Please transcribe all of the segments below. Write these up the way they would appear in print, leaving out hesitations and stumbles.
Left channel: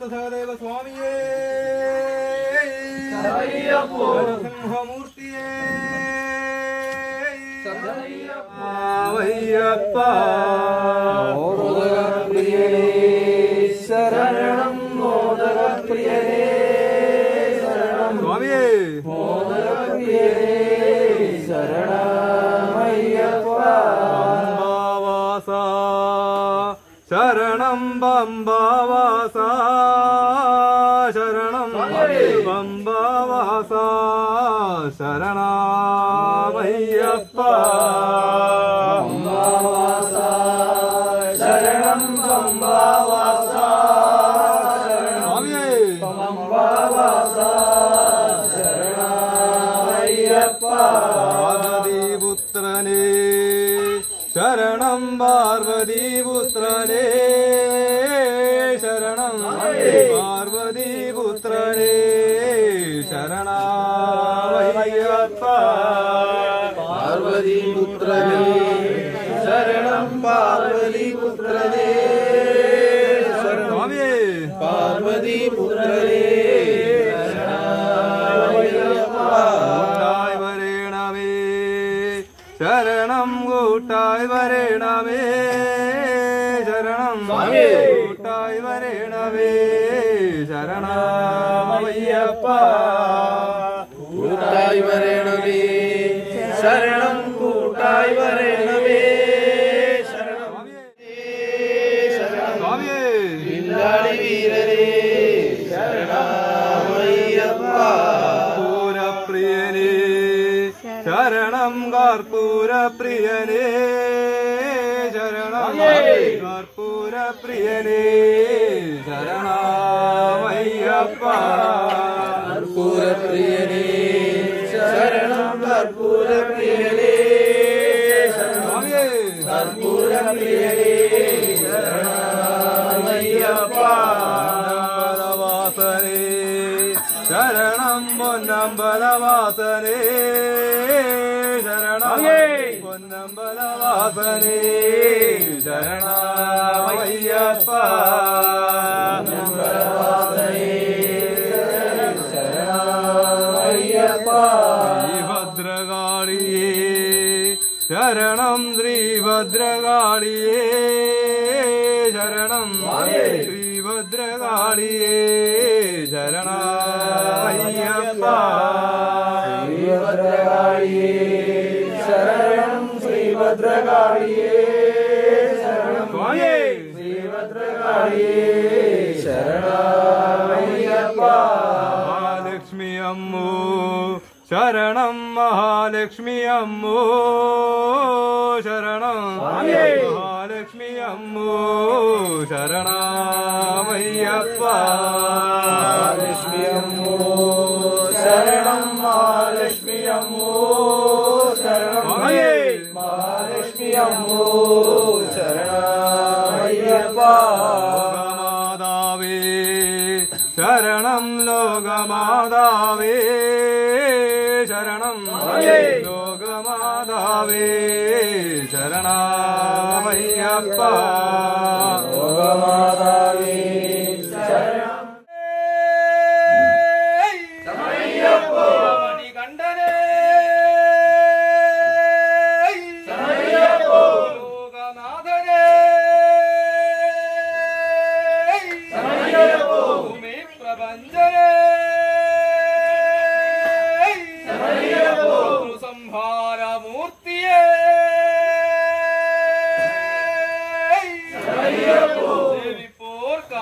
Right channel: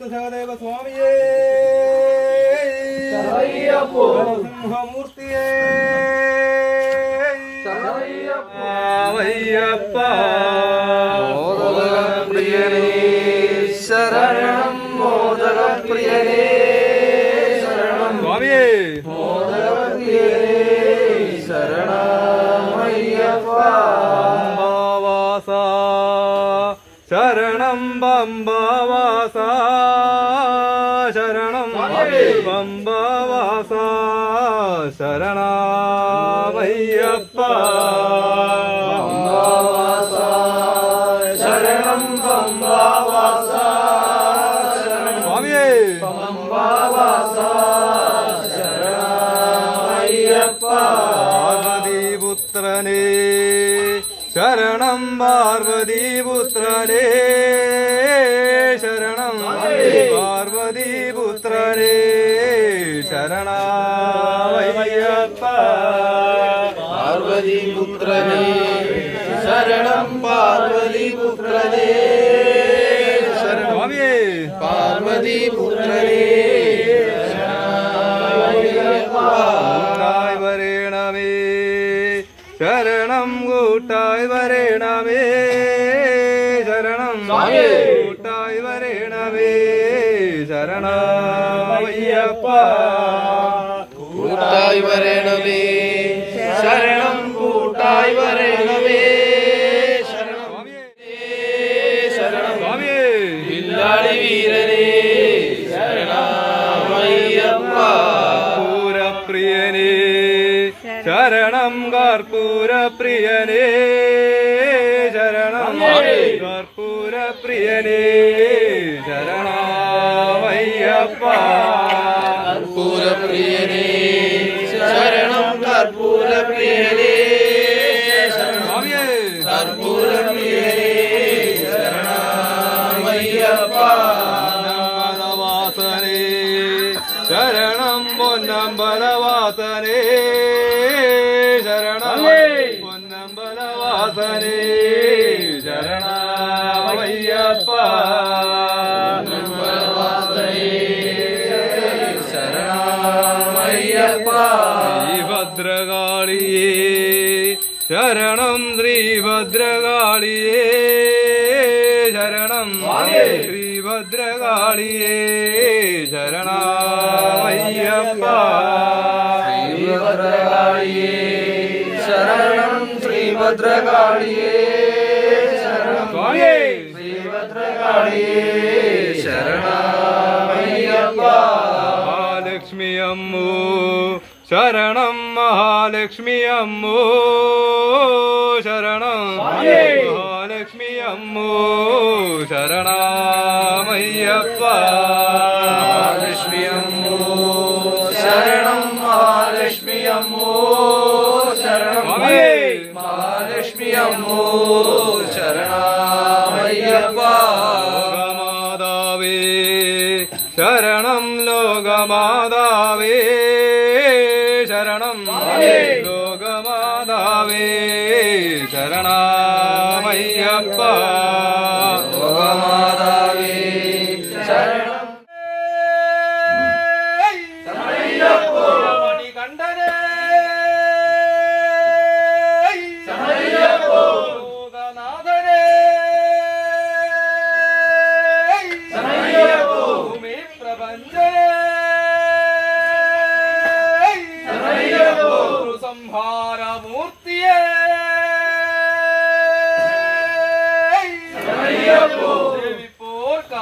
സഹദേവ സ്വാമിയേ നരസിംഹമൂർത്തിയേ അയ്യപ്പ മോദകപ്രിയനേ ശരണം മോദകപ്രിയനേ ശരണം സ്വാമിയേ മോദകപ്രിയനേ ശരണം അയ്യപ്പ പമ്പാവാസ ശരണം പമ്പാവാസ ശരണം പമ്പാവാസ ശരണമയ്യപ്പ പമ്പാവാസ ശരണം പമ്പാവാസ ശരണം സ്വാമിയേ പമ്പാവാസ ശരണം അയ്യപ്പ പാർവതീപുത്രനേ ശരണം പാർവതീപുത്രനേ ശരണം പാർവതീപുത്രനേ ശരണമയ്യപ്പ പാർവതീപുത്രനേ ശരണം പാർവതീപുത്രനേ ശരണം സ്വാമിയേ പാർവതീപുത്രനേ കൂട്ടായി വരേണമേ ശരണം കൂട്ടായി വരേണമേ ശരണം കൂട്ടായി വരേണമേ ശരണമയ്യപ്പ കൂട്ടായി വരണമേ ശരണം കൂട്ടായി വരണമേ ശരണം ശരണം സ്വാമിയേ വില്ലാളി വീരനേ ശരണമയ്യപ്പ കർപ്പൂരപ്രിയനേ ശരണം കർപ്പൂരപ്രിയനേ ശരണം കർപ്പൂരപ്രിയനേ ശരണമയ്യപ്പ കർപ്പൂരപ്രിയനേ ശരണം കർപ്പൂരപ്രിയനേ ശരണം സ്വാമിയേ കർപ്പൂരപ്രിയനേ ശരണമയ്യപ്പ പൊന്നമ്പലവാസനേ ശരണം പൊന്നമ്പലവാസനേ ശരണം പൊന്നമ്പലവാസനേ ശരണമയ്യപ്പ ശരണമയ്യപ്പ ശ്രീഭദ്രകാളിയേ ശരണം ശ്രീഭദ്രകാളിയേ ശരണം ശ്രീഭദ്രകാളിയേ ശരണമയ്യപ്പ ശ്രീഭദ്രകാളിയേ ശരണം ശ്രീഭദ്രകാളിയേ ശരണം സ്വാമിയേ ശ്രീഭദ്രകാളിയേ ശരണമയ്യപ്പ മഹാലക്ഷ്മി അമ്മോ ശരണം മഹാലക്ഷ്മി അമ്മോ ശരണം മഹാലക്ഷ്മി അമ്മോ ശരണമയ്യപ്പ മഹാലക്ഷ്മി അമ്മോ ശരണം മഹാലക്ഷ്മി അമ്മോ ശരണം മഹാലക്ഷ്മി അമ്മോ ശരണമയ്യപ്പ ലോകമാതാവേ ശരണം ലോകമാതാവേ ശരണം ലോകമാതാവേ ശരണമയ്യപ്പ ലോകമാതാവേ ശരണം മണികണ്ഠനേ ലോകനാഥനേ ഭൂമി പ്രപഞ്ചനേ സംഹാരമൂർത്തിയേ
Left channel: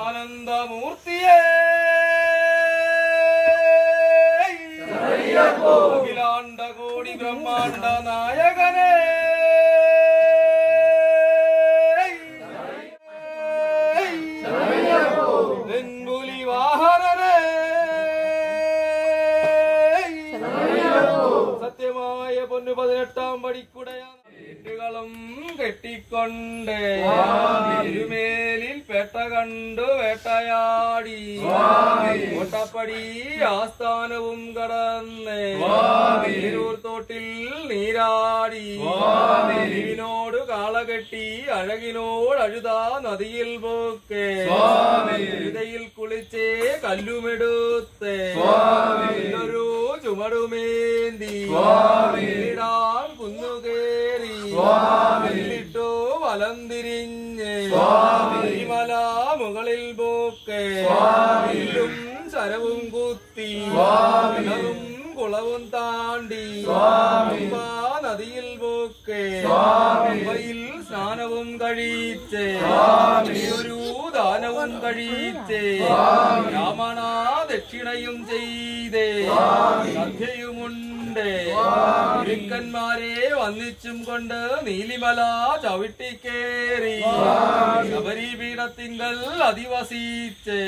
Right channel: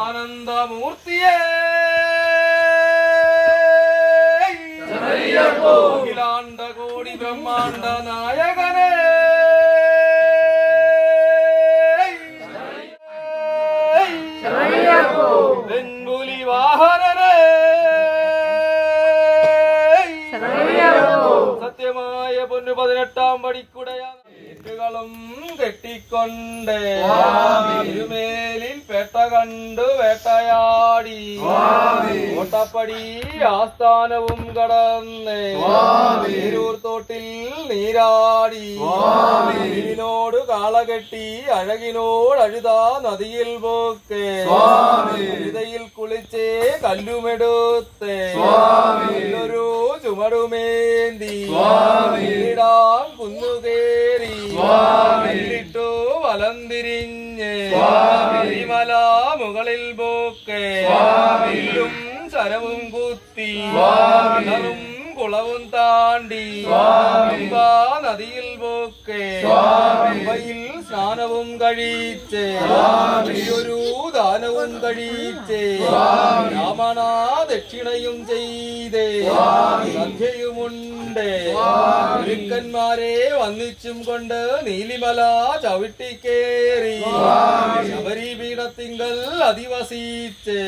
ദേവിപ്പോർക്കാനന്ദമൂർത്തിയേ അഖിലാണ്ട കോടി ബ്രഹ്മാണ്ട നായകനേ വെങ്കുലി വാഹനനേ സത്യമായ പൊന്നു 18-ാം പടിക്കുടയാണ് കെട്ടിക്കൊണ്ട് തിരുമേലിൽ പെട്ട കണ്ടു വേട്ടയാടി കോട്ടപ്പടി ആസ്ഥാനവും കടന്ന് തിരൂർ തോട്ടിൽ നീരാടി ഇതിനോട് കാളകെട്ടി അഴകിനോടഴുതാ നദിയിൽ പോക്കേ ഹൃദയിൽ കുളിച്ചേ കല്ലുമെടുത്തേ ഒരു ചുമടുമേന്തി ഇടാൻ കുന്നുകേറി ിട്ടു വലം തിരിഞ്ഞ് മല മുകളിൽ പോക്കേ വില്ലും ശരവും കുത്തി കിണറും കുളവും താണ്ടി നദിയിൽ പോക്കേ പമ്പയിൽ സ്നാനവും കഴിച്ചേ ഒരു ദാനവും കഴിച്ചേ രാമണ ദക്ഷിണയും ചെയ്തേ സന്ധ്യയുമുണ്ട് ഗുരുക്കന്മാരെ വന്നിച്ചും കൊണ്ട് നീലിമല ചവിട്ടിക്കേറി ശബരിപീഠത്തിങ്കൽ അധിവസിച്ച്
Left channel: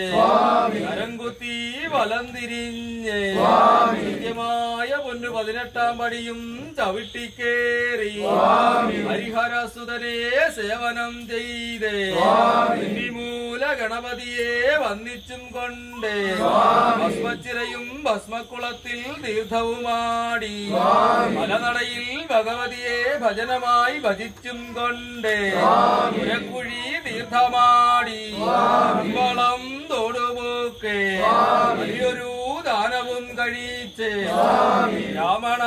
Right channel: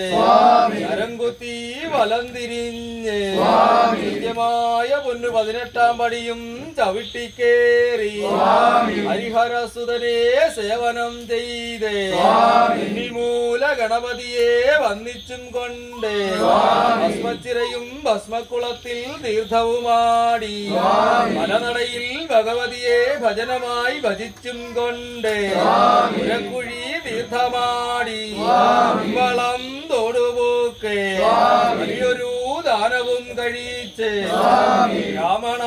കരംകുത്തി വലം തിരിഞ്ഞ് നിത്യമായ പൊന്നു 18 പടിയും ചവിട്ടിക്കേറി ഹരിഹരസുതനെ സേവനം ചെയ്തേ മൂല ഗണപതിയെ വന്നിച്ചും കൊണ്ട് ഭസ്മച്ചിരയും ഭസ്മക്കുളത്തിൽ തീർത്ഥവുമാടി മലനടയിൽ ഭഗവതിയെ ഭജനമായി ഭജിച്ചും കൊണ്ട് പുരക്കുഴി തീർത്ഥമാടി വളം തോടുപോക്കെ വലിയൊരു ദാനവും കഴിച്ച് രാമണ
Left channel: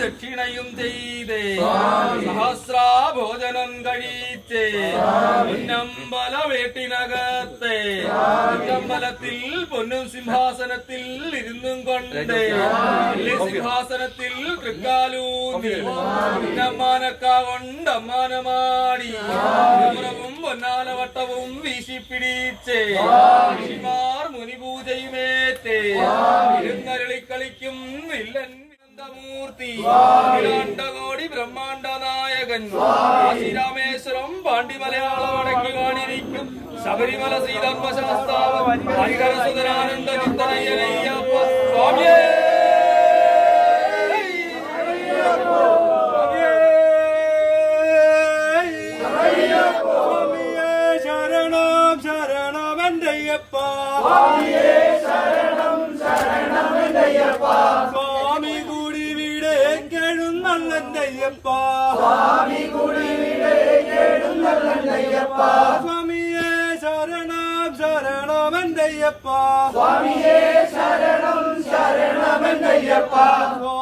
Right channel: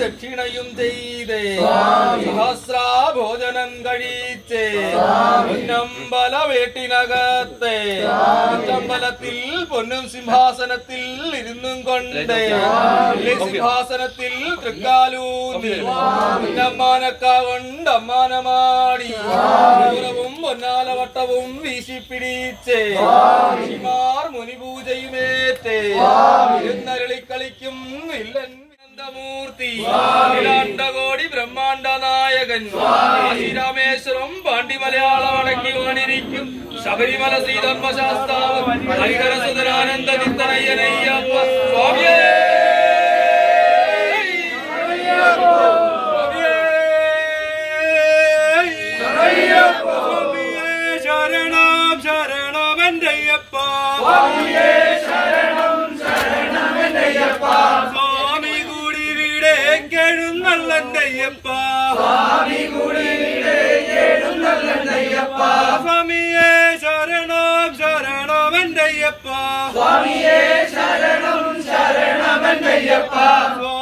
ദക്ഷിണയും ചെയ്തേ സഹസ്രാഭോജനം കഴിച്ച് പൊന്നമ്പല വീട്ടിനകത്തെ അമ്പലത്തിൽ പൊന്നും സിംഹാസനത്തിൽ ഇരുന്നും കൊണ്ട് സിംഹാസനത്തിൽ തൃക്കാലൂന്നി പൊന്നമ്മാനക്ക കൊണ്ട് അമ്മാനമാടി ദൂരവും പൊന്നാലവട്ടവും വീശിപ്പിടിച്ച് ഋഷിമാർ മുനിപൂജയുമേറ്റേ ഇരുന്നരളിക്കളിക്കും വില്ലൻ മൂർത്തി കോടി ബ്രഹ്മാണ്ഡ നായകൻ രാമേശ്വരം പാണ്ഡി മലയാളം അടക്കി വാണിരിക്കും ശബരിമല ശ്രീധർമ്മശാസ്താവ് ഹരിഹരസുതനാനന്ദ ചിത്തനയ്യനയ്യപ്പ സ്വാമിയേ ശരണം ശരണമെന്തയ്യപ്പ സ്വാമി കൂടി വീടേ കേഴുന്നല്ലയ്യപ്പ സ്വാമിയേ ശരണം ശരണമെന്തയ്യപ്പ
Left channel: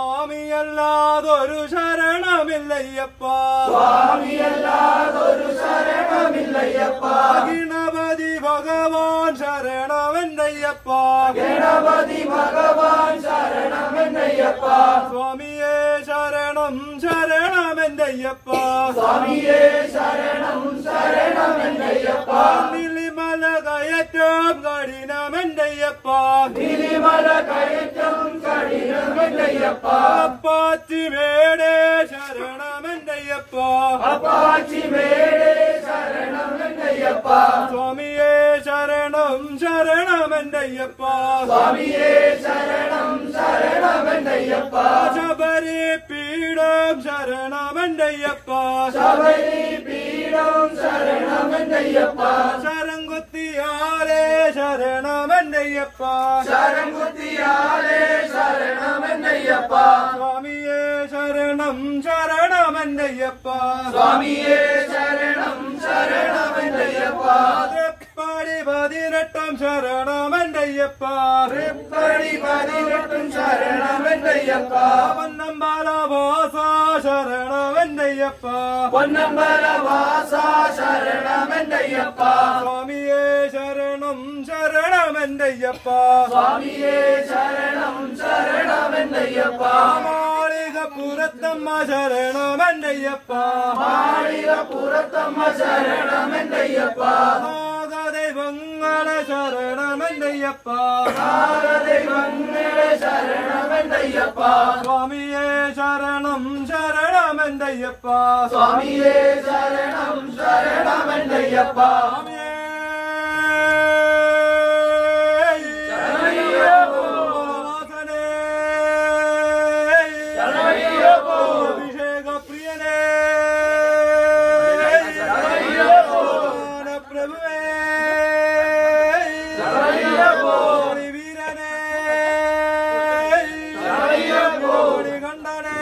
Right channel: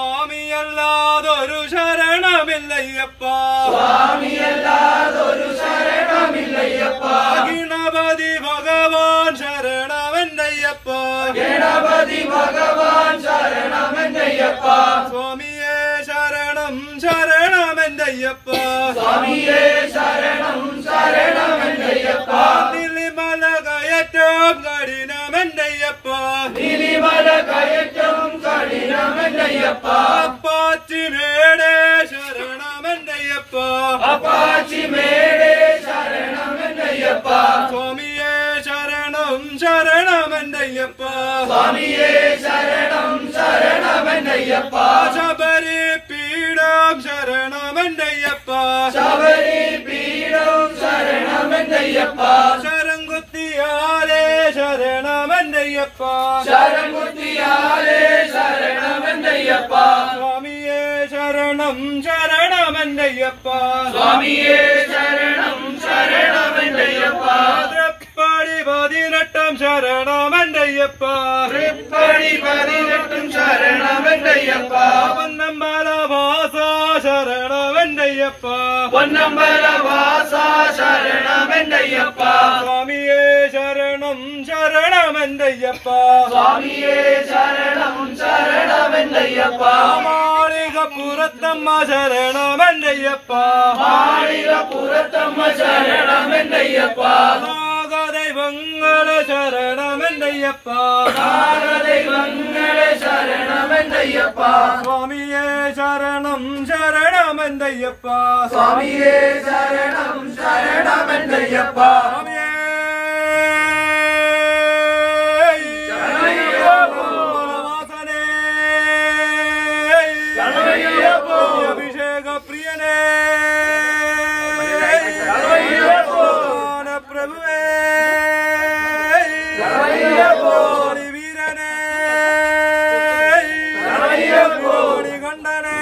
സ്വാമിയല്ലാതൊരു ശരണമില്ലയ്യപ്പ ഗണപതി ഭഗവാൻ ശരണമെന്തയ്യപ്പ സ്വാമിയേ ശരണം ശരണമെന്തയ്യപ്പ നീലിമല കയറ്റം കഠിനമെന്തയ്യപ്പ അപ്പാച്ചി മേടേ ശരണമെന്തയ്യപ്പ സ്വാമിയേ ശരണം ശരണമെന്തയ്യപ്പ ശബരി പീഠം ശരണമെന്തയ്യപ്പ ശരംകുത്തിയാലേ ശരണമെന്തയ്യപ്പ സ്വാമിയേ ശരണം ശരണമെന്തയ്യപ്പ തൃപ്പടി 18 ശരണമെന്തയ്യപ്പ പൊന്നമ്പല വാസ ശരണമെന്തയ്യപ്പ സ്വാമിയേ ശരണം ശരണമെന്തയ്യപ്പ മാളികപ്പുറത്തമ്മ ശരണമെന്തയ്യപ്പ നാഗദൈവങ്ങളെ ശരണമെന്തയ്യപ്പ സ്വാമിയേ ശരണം ശരണമെന്തയ്യപ്പ സ്വാമിയേ അഭിഷേക പ്രിയനേ പ്രഭുവേ വീരനേ കണ്ഠനേ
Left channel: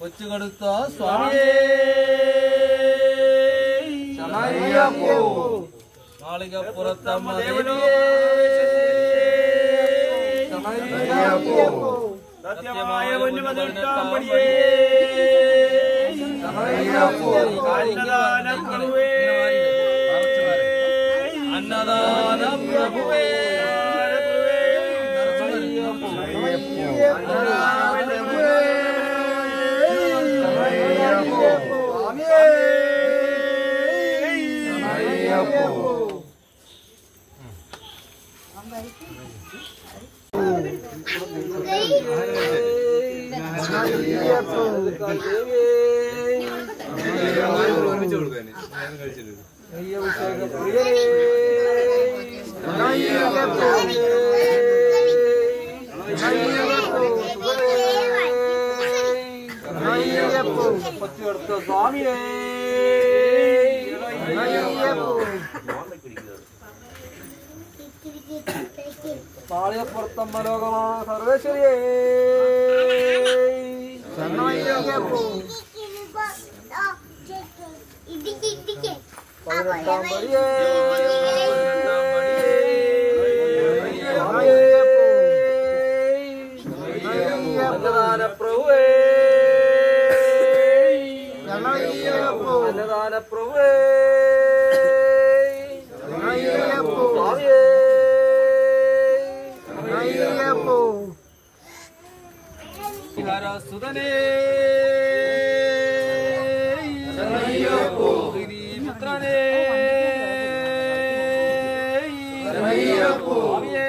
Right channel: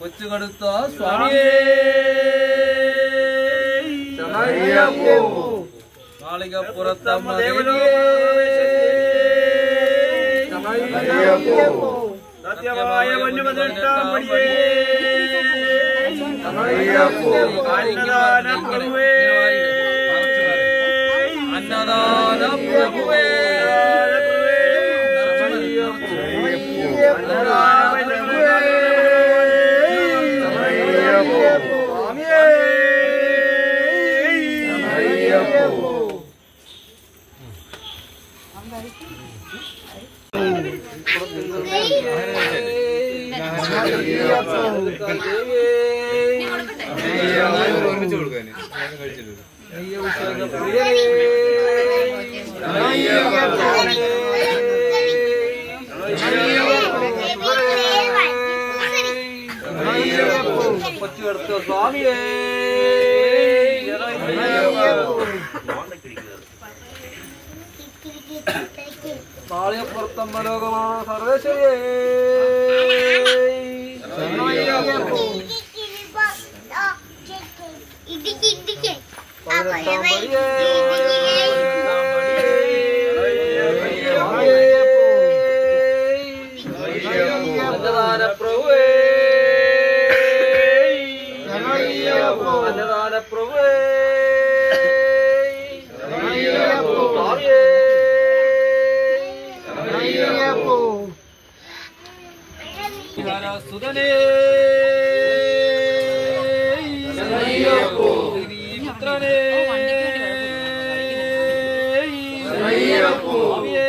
കൊച്ചുകടുത്ത സ്വാമിയേ മാളികപ്പുറത്തമ്മ ദേവിയേ സത്യമായ പൊന്നുപതിനെട്ടാമ്പടിയേ അന്നദാന പ്രഭുവേ സ്വാമിയേ മാളികപ്പുറത്തമ്മ ലോകമാണ് സർവേശ്വരിയേ അന്നദാന പ്രഭുവേ അന്നദാന പ്രഭുവേ സ്വാമിയേ സുതനേ പുത്രനേ സ്വാമിയേ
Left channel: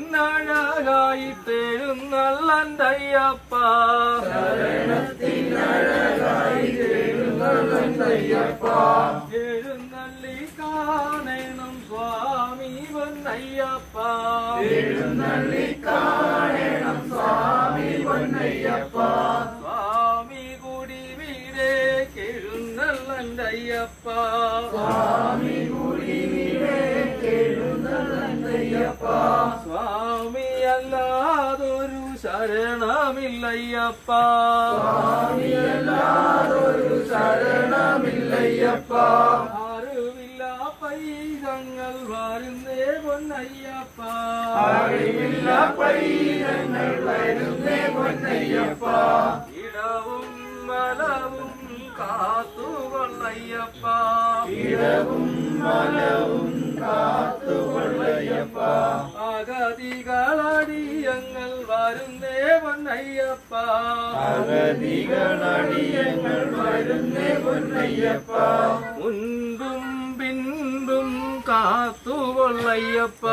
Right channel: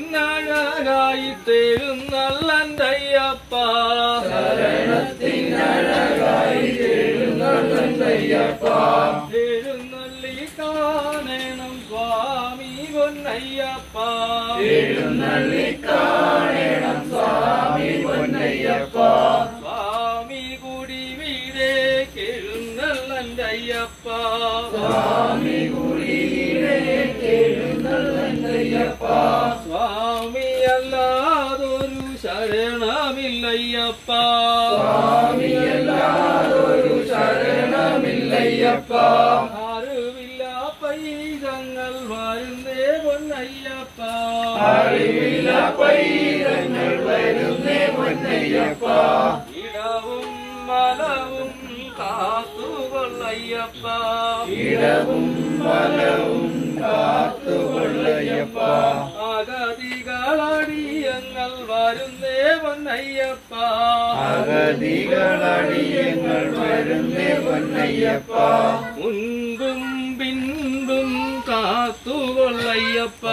ശരണത്തിനഴകായി തേഴുന്നല്ലയ്യപ്പ എഴുന്നള്ളി കാണണം സ്വാമി പൊന്നയ്യപ്പ സ്വാമി കുടി വീടേ കേഴുന്നല്ലയ്യപ്പ സ്വാമി അല്ലാതൊരു ശരണമില്ലയ്യപ്പ അറിവില്ല പൈതങ്ങൾ വരുന്നേ പൊന്നയ്യപ്പ ഇടവും മലവും കാത്തുകൊള്ളയ്യപ്പ അഗതികളടിയങ്ങൾ വരുന്നേ പൊന്നയ്യപ്പ മുൻപും പിൻപും കാത്തുകൊള്ളയ്യപ്പ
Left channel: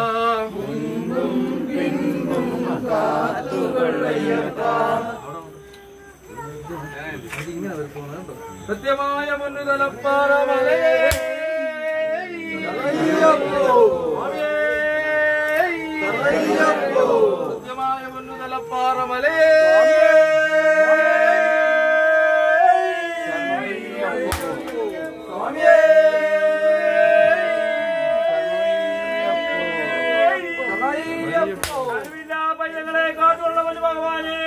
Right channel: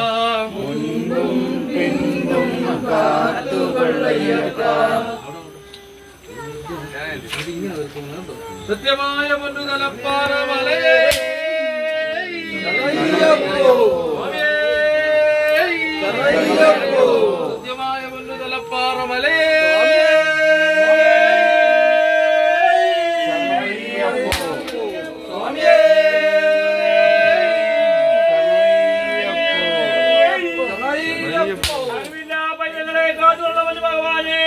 സത്യമായ പൊന്നുതലപ്പാറ മലയേ സത്യമായ പൊന്നുതലപ്പാറ മലയേ പൈതങ്ങളെ കാത്തുള്ളവൻ ഭഗവാനേ